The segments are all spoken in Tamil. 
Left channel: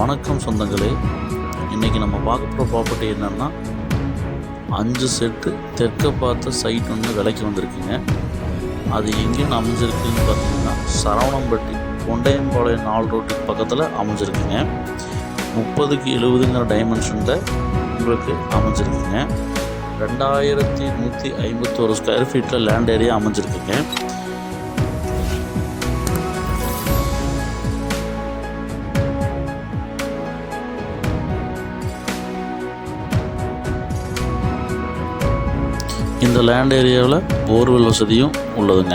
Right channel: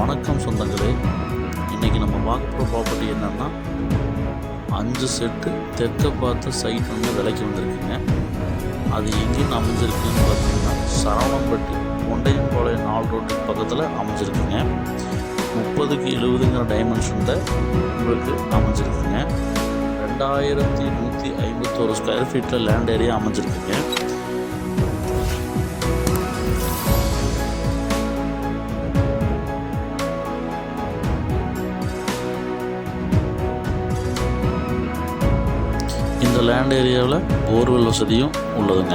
வணக்கம் சொந்தங்களே. இன்றைக்கி நம்ம பார்க்குற ப்ராப்பர்ட்டி என்னென்னா 5 செட்டு தெற்க பார்த்து சைட் வந்து விலைக்கு வந்திருக்குங்க. அது எங்கேயும் அமைஞ்சிருக்குன்னு பார்த்தீங்கன்னா சரவணம்பட்டி கொண்டையம்பாளையம் 4 ரோட்டுக்கு பக்கத்தில் அமைஞ்சிருக்குங்க. 30க்கு 70ங்கிற டைமென்ஷனில் உங்களுக்கு அமைஞ்சிருக்குங்க. 2151 ஸ்கொயர் ஃபீட்டில் லேண்ட் ஏரியா அமைஞ்சிருக்குங்க. இந்த லேண்ட் ஏரியாவில் போர்வெல் வசதியும் உள்ளதுங்க.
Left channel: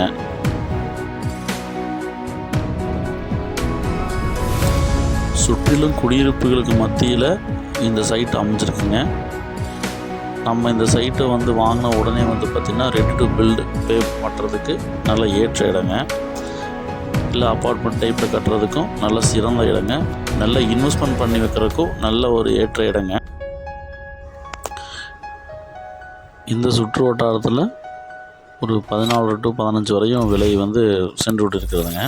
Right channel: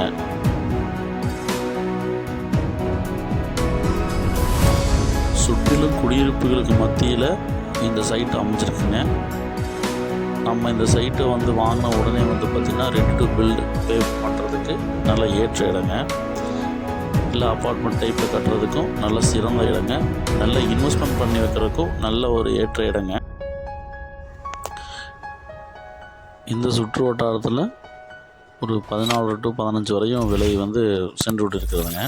சுற்றிலும் குடியிருப்புகளுக்கு மத்தியில் இந்த சைட் அமைஞ்சிருக்குங்க. நம்ம இந்த சைட்டை வந்து வாங்கின உடனே வந்து பார்த்திங்கன்னா ரெடி டு பில்டு பே பண்ணுறதுக்கு நல்ல ஏற்ற இடங்க. இல்லை அப்பார்ட்மெண்ட் டைப்பில் கட்டுறதுக்கும் நல்ல சிறந்த இடங்க. நல்ல இன்வெஸ்ட்மெண்ட் பண்ணி வைக்கிறதுக்கும் நல்ல ஒரு ஏற்ற இடங்க. இந்த சுற்று வட்டாரத்தில் ஒரு 14 to 15 வரையும் விலை வந்து சென்று விட்டு இருக்கிறதுங்க.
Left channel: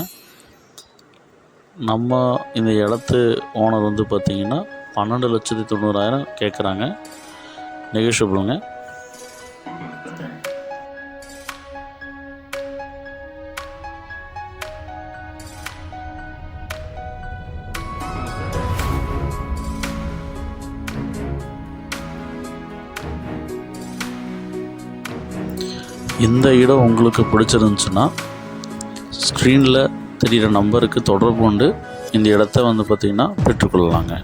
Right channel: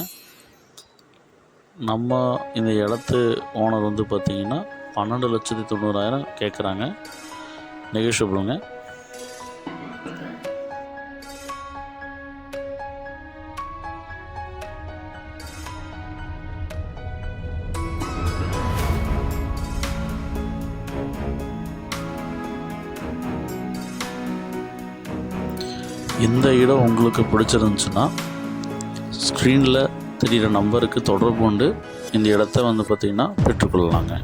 நம்ம இந்த இடத்து ஓனர் வந்து பார்த்திங்கன்னா 12,90,000 கேட்குறாங்க. நெகோஷியபிளுங்க. இந்த இடம் உங்களுக்கு பிடிச்சிருந்துச்சுன்னா ஸ்க்ரீனில் தெரிகிற நம்பருக்கு தொடர்பு கொண்டு இந்த இடத்த வந்து பார்த்திங்கன்னா பெற்றுக்கொள்ளலாங்க.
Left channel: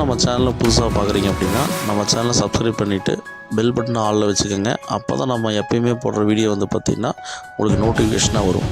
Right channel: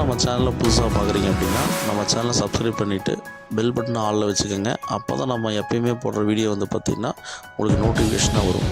நம்ம சேனலை புதுசாக பார்க்குறீங்க அப்படின்னா நம்ம சேனலை சப்ஸ்கிரைப் பண்ணிவிட்டு பெல் பட்டனை ஆளில் வச்சுக்கோங்க. அப்போ தான் நம்ம எப்பயுமே போடுற வீடியோ வந்து பார்த்திங்கன்னா உங்களுக்கு நோட்டிஃபிகேஷனாக வரும்.